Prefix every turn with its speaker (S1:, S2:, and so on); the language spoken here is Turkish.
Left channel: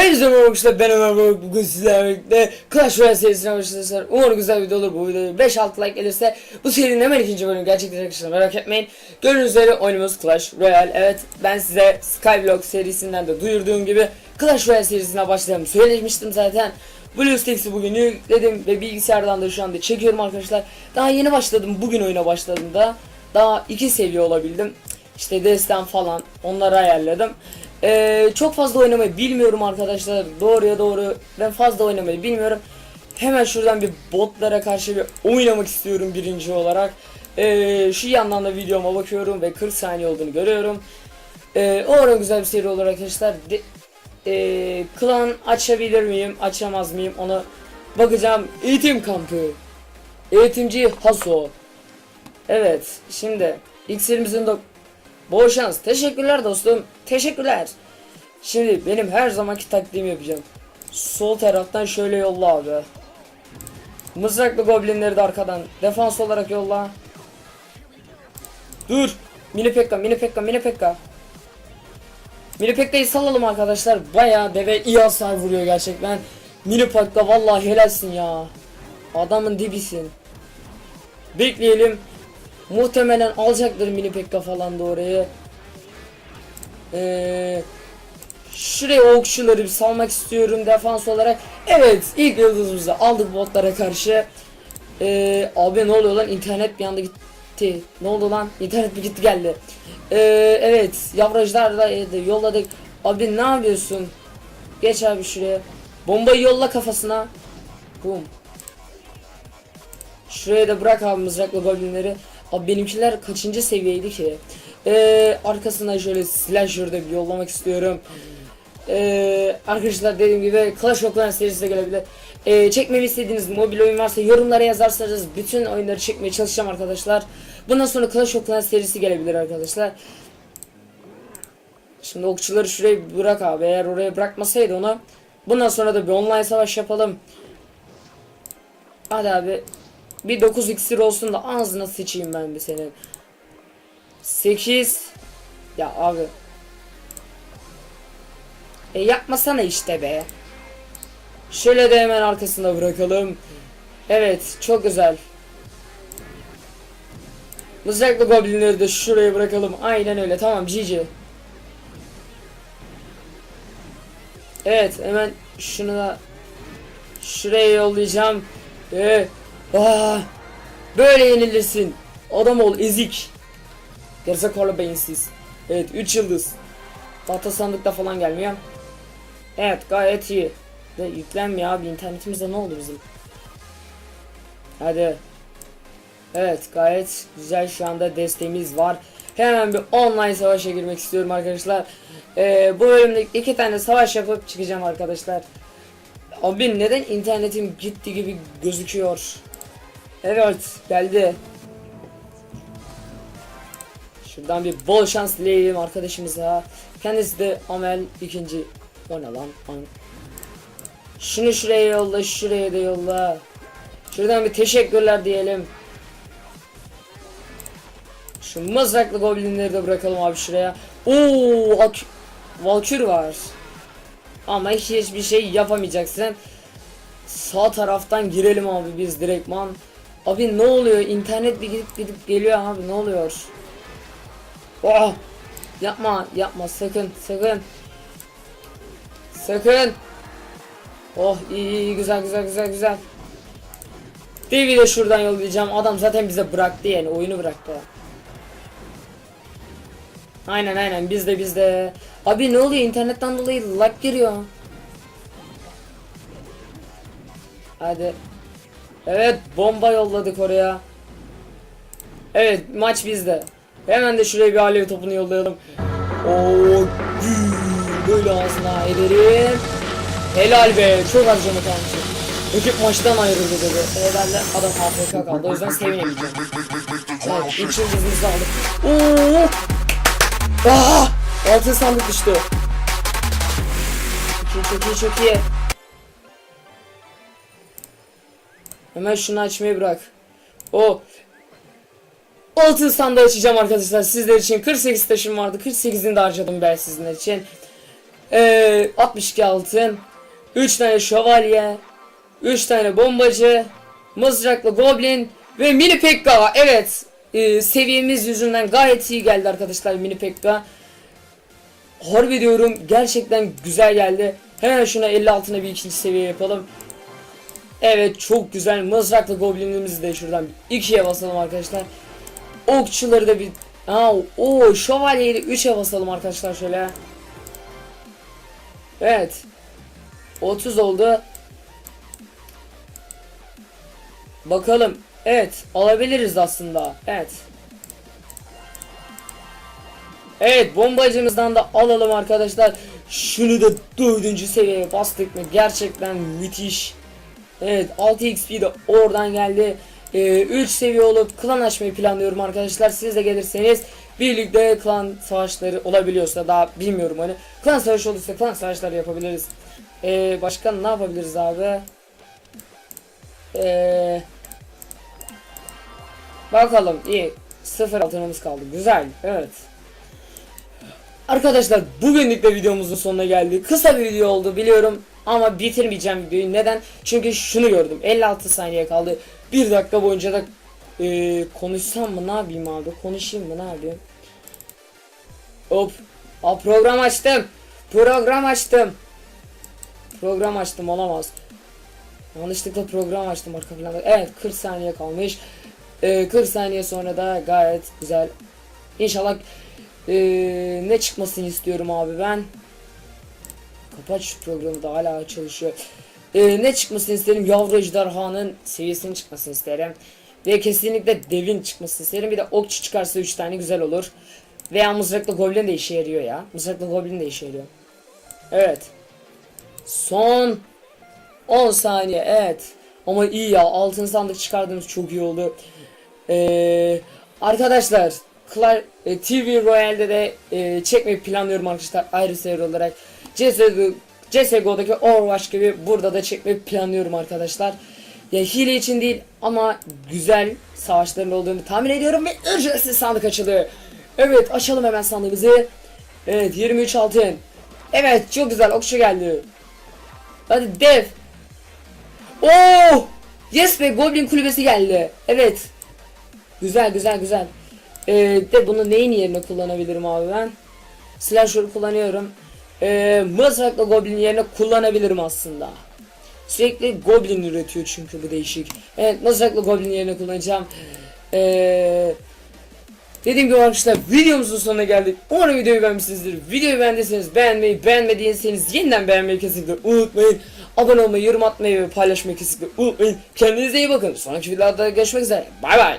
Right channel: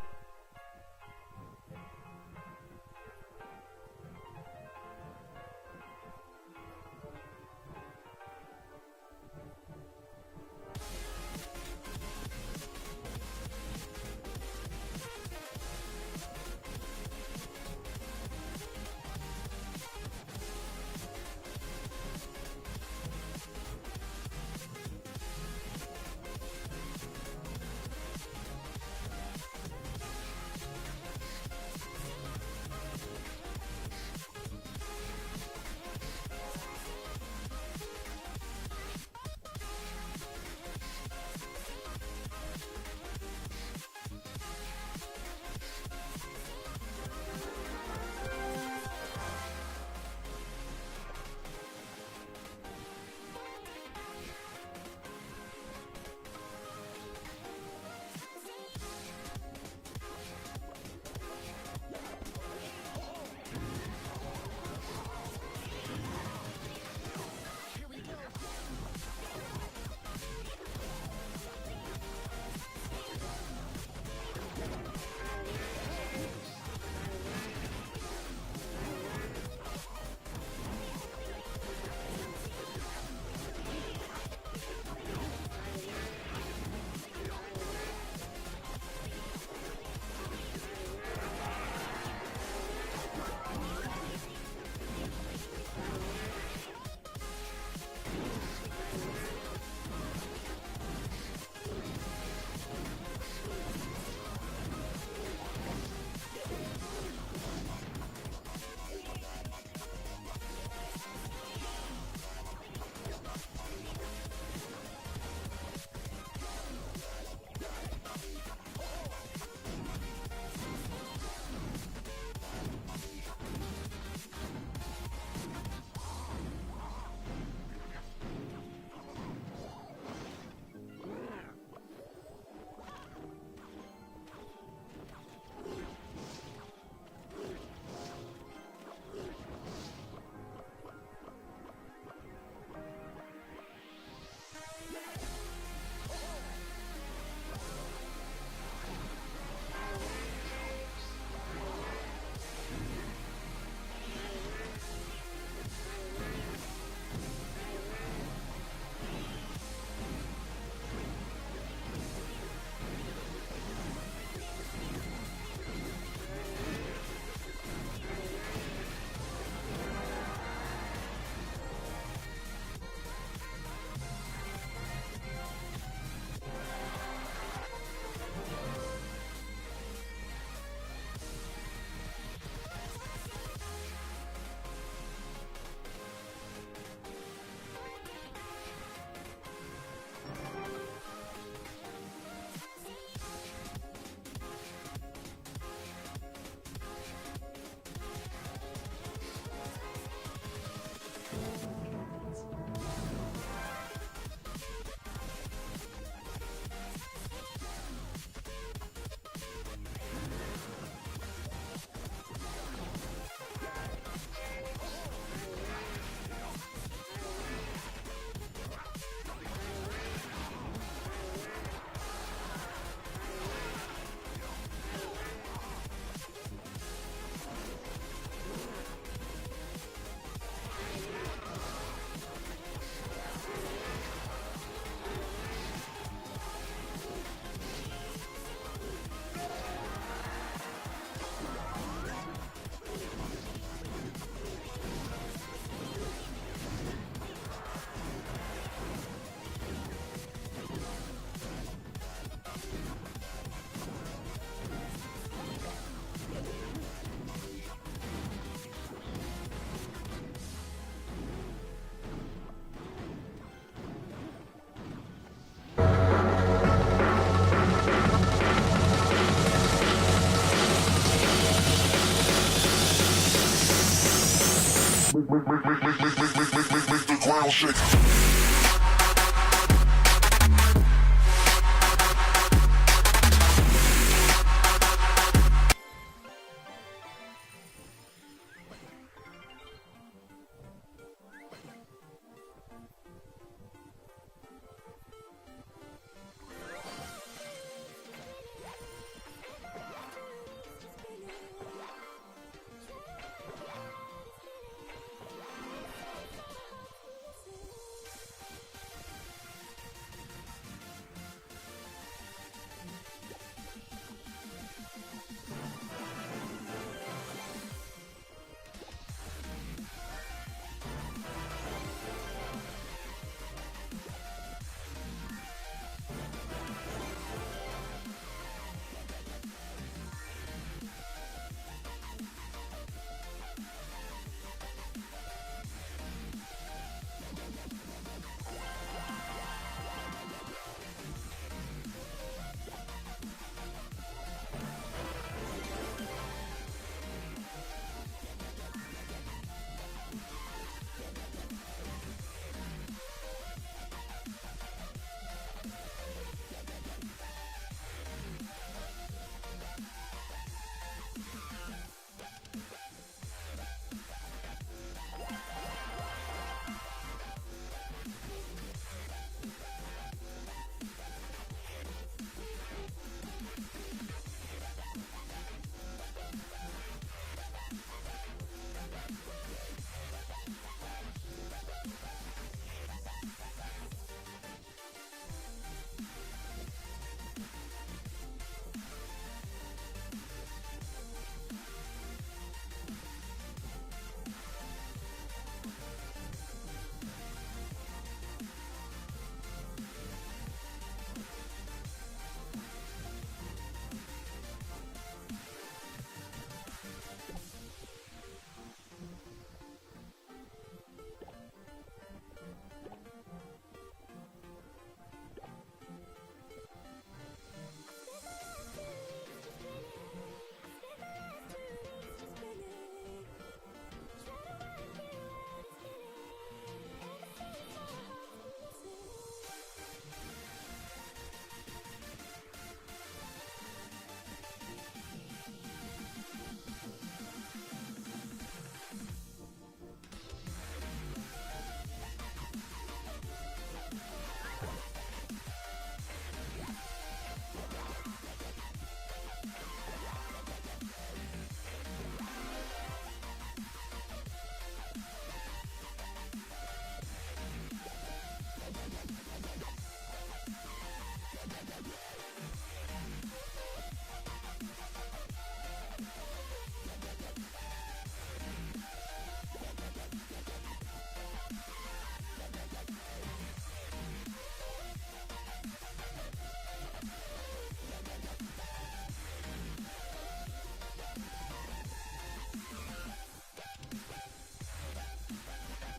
S1: Hepinize merhaba ben Ömer Bey bugün sizlerle Clash Royale serisine başlayacağız. Umarım güzel video olur bu videoya 5-6 like gelirse bu serinin hemen ikinci bölümü gerçekleşecek arkadaşlar merak etmeyin. Gördüğünüz üzere oyunumuz Clash Royale. Evet ben size Skyblock serisinden de duyurduğum gibi Clash Royale serisine başlayalım söylemiştim zaten. BlueStacks'i bugün yükledim ve bilgisayardan da şu anda çekiyorum arkadaşlar. Daha yeni başladım bugün oyuna başladığımda. Daha iki seviye olabildim. İşte destan falan onları ayarladım. Ee, çok fazla oynamayı bilmiyorum arkadaşlar. Doğruya doğru ben fazla oynamayı bilmiyorum. Hemen şuradan bir botlara karşı bir oynamak istiyorum birinci olarak. Ee, şu yandan da videoma bakıyorum ve 40 saniye olduğunu görüyorum. Ee, umarım güzel bir seri olur arkadaşlar. De, ee, klan açabilir miyim, açamaz mıyım onu bakacağım. Eğitim kampı. Eğitimci Haso. Evet, şimdi iksirimizin de bol şans. Teşekkürler dostum. Teşekkürler. Şimdi benim her zamanki taktiğimi yapacağım. Sol taraftan şöyle yolla abi. Mızraklı goblinleri de arkadan defans olarak yolla. Dur. Mini pekka, mini pekka, mini pekka. Mini pekka'yı salalım arkadaşlar. Bayağı deve iyi hasar vuruyor gerçekten. Mini pekka vallahi helalsin ya. Adamın dibisin. Bekleyelim. Muhtemelen alacaktır mini pekka falan da orayı. Ee, şuraya okçuları bir salmak istiyorum defans olarak. Evet ilk yıldızımızı aldık botlara karşı. Ee, abi ne oluyor lan internet bir anda gitti. Ne oldu lan internet bir gitti geldi. Ee, evet yavrajlarla yolladık. Abi ne yapıyorsun? Geç abi şuraya. Bombayı yolla kafasına. Boom. Şuraya da bırak abi mızraklı goblinleri. Abi benimkiler kaçıncı seviyeydi ki? Ee, arkasından şöyle slasher'da bir yollamak istiyorum. Ee, arkadaşlar dediğim gibi Clash of Clans serisi de gelebilir. Ee, çekmemi istediğiniz mobil oyun varsa yorumlara yazarsanız bütün oyunları çekmeye çalışacağım arkadaşlar. Bundan sonra Clash of Clans serisi gelebilir arkadaşlar. Şimdi okçuları şuraya bırak abi. Eğer oraya bırakmasaydı onu. Bundan sonra da bir online savaş yapalım. Hadi abi. Bir 9 iksir olsun da ağzına sıçayım ben bir senin. 8 Ya abi. E yapmasana işte be. Şöyle de hemen arkasında bırakalım. Evet çok güzel. Mızraklı goblinleri de şuraya bırakalım. Aynen öyle tamam GG. Evet hemen şunu da şuraya yollayacağım. Ee, aa, böyle yenilirsin. Adam ol ezik. Gerizekalı beyinsiz. Evet 3 yıldız. Tahta sandıkta falan gelmiyor. Evet gayet iyi. Ve yüklenmiyor abi internetimizde ne oldu bizim? Hadi. Evet gayet güzel şu anda desteğimiz var. Hemen bir online savaşa girmek istiyorum arkadaşlar. Ee, bu bölümde iki tane savaş yapıp çıkacağım arkadaşlar. Abi neden internetim gitti gibi gözüküyor? Evet geldi. Şuradan bir bol şans dileyelim arkadaşımıza. Kendisi de Amel ikinci. O ne lan? An- Şunu şuraya yolla, şuraya da yolla. Şuradan bir teşekkürler diyelim. Şu mızraklı goblinleri de bırakalım abi şuraya. Oo, ak Valkür var. Ama hiç hiçbir şey yapamayacaksın. Sağ taraftan girelim abi biz direktman. Abi ne oluyor? İnternet bir gidip gidip geliyor abi ne oluyor? Oh! Yapma, yapma sakın, sakın. Sakın. Oh iyi, iyi güzel güzel güzel güzel. Bir de şuradan yollayacağım. Adam zaten bize bıraktı yani oyunu bıraktı. Aynen aynen bizde bizde. Abi ne oluyor internetten dolayı lag giriyor. Hadi. Evet bomba yolladık oraya. Evet maç bizde. Hemen de şuraya bir alev topunu yollayalım. Oo, böyle ağzına ederim. Helal be çok harcamadan. Ekip maçtan ayrıldı dedi. Herhalde adam AFK kaldı o yüzden sevinelim. Evet, üç yıldızımızı aldık. Oo. Aa! Altın sandık düştü. Çok iyi çok iyi. Hemen şunu açmayı bırak. O altın sandığı açacağım arkadaşlar sizler için 48 taşım vardı 48'ini de harcadım ben sizler için Ee, 62 altın. 3 tane şövalye. 3 tane bombacı. Mızraklı goblin. Ve mini pekka. Evet. Ee, seviyemiz yüzünden gayet iyi geldi arkadaşlar mini pekka. Harbi diyorum gerçekten güzel geldi. Hemen şuna 50 altına bir ikinci seviye yapalım. Evet çok güzel mızraklı goblinimizi de şuradan ikiye basalım arkadaşlar. Okçuları da bir... Aa, o şövalyeyi de 3'e basalım arkadaşlar şöyle. Evet. 30 oldu. Bakalım. Evet alabiliriz aslında. Evet. Evet bombacımızdan da alalım arkadaşlar. Şunu da dördüncü seviyeye bastık mı gerçekten müthiş. Evet 6 XP de oradan geldi. 3 seviye olup klan açmayı planlıyorum arkadaşlar. Siz de gelirseniz birlikte klan savaşları olabiliyorsa daha bilmiyorum hani. Klan savaşı olursa klan savaşları yapabiliriz. Ee, başka ne yapabiliriz abi? Ee, bakalım iyi. Sıfır altınımız kaldı. Güzel. Evet. Arkadaşlar bugünlük de videomuzun sonuna geldik. Kısa bir video oldu biliyorum ama bitirmeyeceğim videoyu. Neden? Çünkü şunu gördüm. 56 saniye kaldı. 1 dakika boyunca da e, konuşsam mı ne yapayım abi? Konuşayım mı ne yapayım? Hop. Aa, program açtım. Program açtım. Program açtım olamaz. Yanlışlıkla program açtım arka planda. Evet 40 saniye kalmış. E, 40 saniye sonra da gayet güzel. İnşallah ee, ne çıkmasını istiyorum abi ben. Kapat şu programı da hala çalışıyor. Ee, ne çıkmasını isterim? Yavru ejderhanın seviyesinin çıkmasını isterim. Ve kesinlikle devin çıkmasını isterim. Bir de okçu çıkarsa 3 tane güzel olur. Veya mızraklı goblin de işe yarıyor ya. Mızraklı goblin de işe yarıyor. Evet. Son 10 saniye evet. Ama iyi ya altın sandık çıkardığımız çok iyi oldu. Ee, arkadaşlar Klar, e, TV Royale'de de e, çekmeyi planlıyorum arkadaşlar ayrı seri olarak. CSGO, CSGO'daki Overwatch gibi burada da çekmeyi planlıyorum arkadaşlar. Ya hile için değil ama güzel savaşların olduğunu tahmin ediyorum ve ücretsiz sandık açılıyor. Evet açalım hemen sandığımızı. Evet 23 altın. Evet çok güzel okçu geldi. Hadi dev. Oo! Yes be Goblin kulübesi geldi. Evet. Güzel güzel güzel. Ee, de bunu neyin yerine kullanabilirim abi ben? Slasher kullanıyorum. Ee, mızrakla goblin yerine kullanabilirim aslında. Sürekli goblin üretiyor çünkü bu değişik. Evet mızrakla goblin yerine kullanacağım. Ee, dediğim gibi arkadaşlar videomuzun sonuna geldik. Umarım videoyu beğenmişsinizdir. Videoyu beğendiyseniz beğenmeyi, beğenmediyseniz yeniden beğenmeyi kesinlikle unutmayın. Abone olmayı, yorum atmayı ve paylaşmayı kesinlikle unutmayın. Kendinize iyi bakın. Sonraki videolarda görüşmek üzere. Bay bay.